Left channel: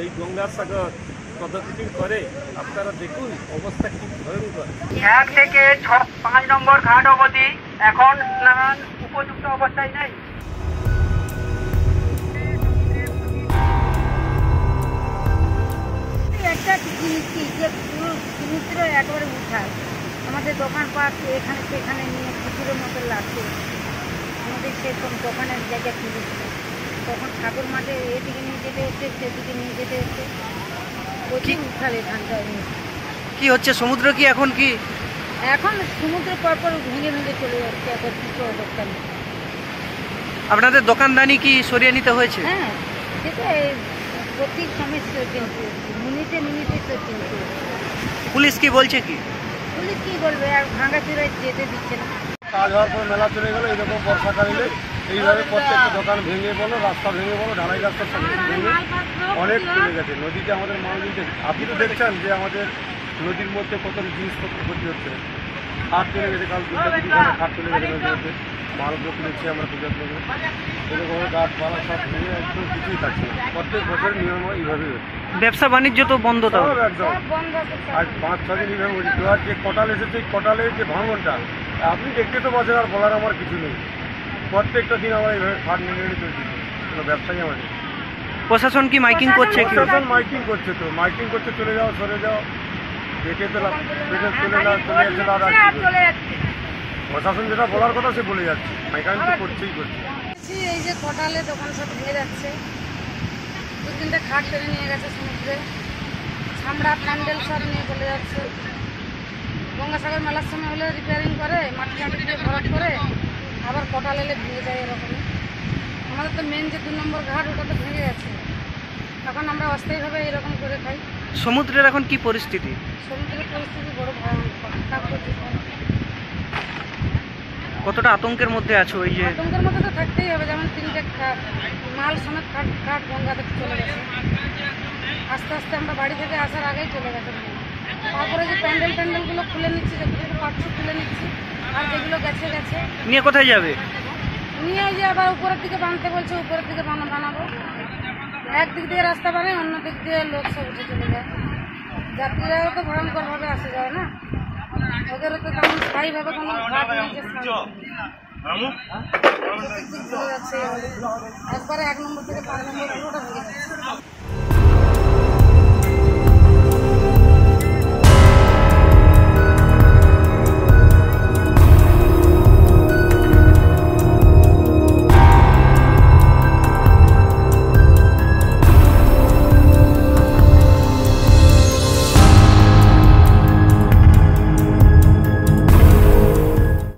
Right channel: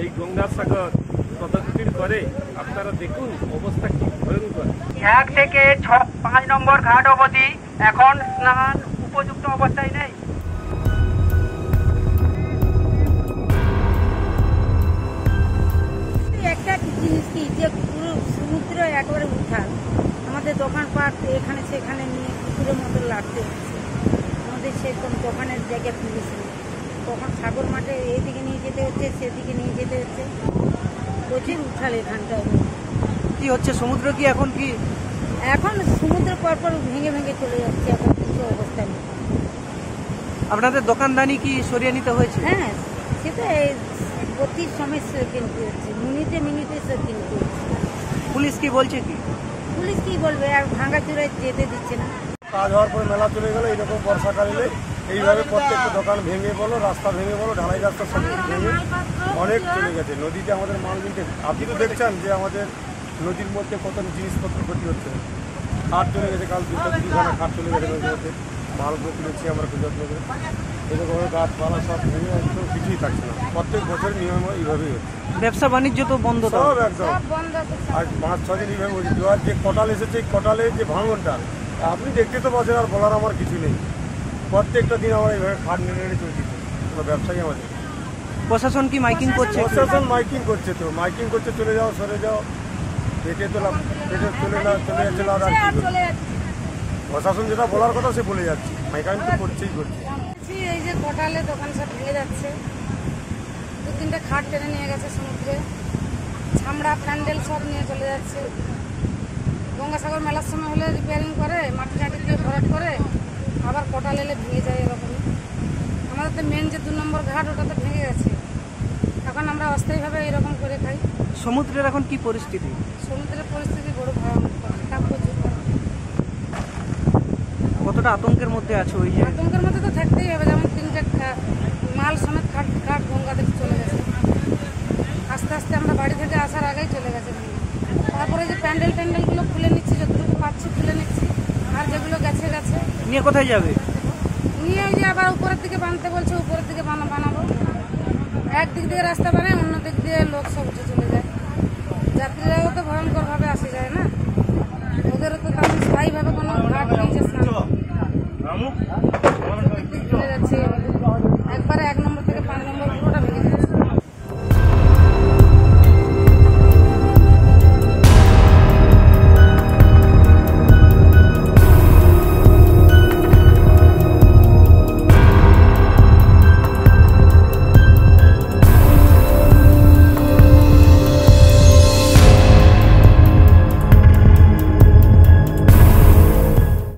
এই গঙ্গাসাগর পদক্ষেপ করে আপনারা দেখুন অবস্থা কি ভয়ঙ্কর। 1 থেকে 5 নম্বর ঘাট অবধি এখন স্নান উপযুক্ত অবস্থায় নেই। একটা জিনিস কি যে পুরো সমুদ্র একেবারে উঠার আমাদের দোকানপাট এখানে সেখানে নিয়ে পুকুরের মতো লাগতে হচ্ছে। আমাদের সেরকম দোকানের জায়গা কিনেছিল, তখন সাগর মাঠে এদিকে নিয়ে যেতে হচ্ছে, সেদিকে নিয়ে যেতে হচ্ছে, প্রচুর উঠাল এখানটায়। কি হচ্ছে সমুদ্র কি এখন কি এখন সমুদ্র পরপর ভেঙে ভেঙে চলে যাচ্ছে, এখন কিছু অবস্থা নেই। আপনাদের দোকানদানি কি সরিয়ে নিতে হয়েছে? হ্যাঁ, সেটা প্রতি সময় সে কিনতে হচ্ছে, মিনিটে মিনিটে সে কিনতে হচ্ছে। পুলিশ কি বলছে কি? পুলিশ কি বলবে, আর ভাঙাচুরে যেতে দিচ্ছে না। কাজ হওয়ার পর মেলা চলে গেলো, এরকম বর্ষাকাল এলে এইভাবে প্রত্যেকটা দোকান ভেঙে বলো, রাস্তা ভেঙে বলো, ঢালাই রাস্তা সব কিছু ভেঙে অনেক চলে গেছে। নদীতে আমাদের মাল দিতে আপনি তো দেখছেন যে আমাদের নদীর মধ্যে কত জিনিসপত্র ক্ষতি হচ্ছে। খাট চলে গেছে, কাল 2-3 খাট চলে গেছে নদীর মধ্যে, মালগুলো তুলেছি আমরা পূজার লোকের, এরকম গাছপালা সব ভেঙে একদম কিছুই থাকছে না। প্রত্যেক বছর নিয়ম এইভাবেই হচ্ছে। ব্যবসা বাণিজ্য তো বন্ধ, তো সব একদম। আর 5-6 দিন এইভাবে হচ্ছে। আর যে কটাল এসেছে, এই কটালের যে ভাঙনটা আপনি দেখতে তো পাচ্ছেন, আর বলার আমার কিছু নেই। প্রত্যেকটা দিন আমরা এইভাবে খাট নিয়ে চলছি, কোনো ব্যবসায়ী আমাদের। প্রশাসন কি মাইকিং করছে? প্রশাসন মাইকিং করছে, তো মাইকিং করছে, চলে যাও, সরে যাও, পেটে তোলা, পেটে চলে যাও, চলে যাচ্ছে। আর প্রশাসন যেটা বলার কথা সে বলে যাচ্ছে, মাইকিং তো করছেই করছে। এই যে কটালে দোকান সব ভেঙে যাচ্ছে, 2-3টা খাট টেনে নিয়ে গেছে সমুদ্রে, ছামড়া প্যান্ডেল সব নিয়ে চলে যাচ্ছে। গঙ্গাসাগর মেলার সময় হলে রিপেয়ারিং করে, মাটি মাটি দিয়ে ভরাট করে, আবার কটাল এলে ভেঙে যায় এরকমই। আমাদের তো মেন যে 2 নম্বর ঘাট, ওটা তো ভেঙে গেছে। এখন আমরা অস্থায়ীভাবে এরকম করে খাই। সমুদ্রের এখন কি পরিস্থিতি? সমুদ্রের পরিস্থিতি বড় ভয়ানক। কতটা আতঙ্কের মধ্যে আছো? ওই যে আতঙ্কের মধ্যে তো থাকতেই হবে, যেমন 3টা মাল সমেত খাট গঙ্গা থেকে চলে গেছে। আস্তে আস্তে আমরা বাড়ি থেকে আসার আগেই চলে গেছে। তারপরে যে প্যান্ডেলগুলো খুলে নিচ্ছি, যেগুলো পাচ্ছি খুলে নিচ্ছি, আর যেগুলো গেছে গেছে। নিয়ে কোথায় যাবে? নিয়ে যে আবার উপরের দিকে বাঁধতে বলছে, উপরের দিকে বানাবো। একদিক দিয়ে রাস্তা বানায়, অন্য দিক দিয়ে লোক সব উঠে চলে যায়। যাত্রীরাও তো ভয়ঙ্করভাবে আসে যায় না, ওদেরও তো তেমন স্থায়ীভাবে কোনো ঘাট নেই যে চলে যাচ্ছে। একবারে 1 নম্বর থেকে 5 নম্বর পুরোটা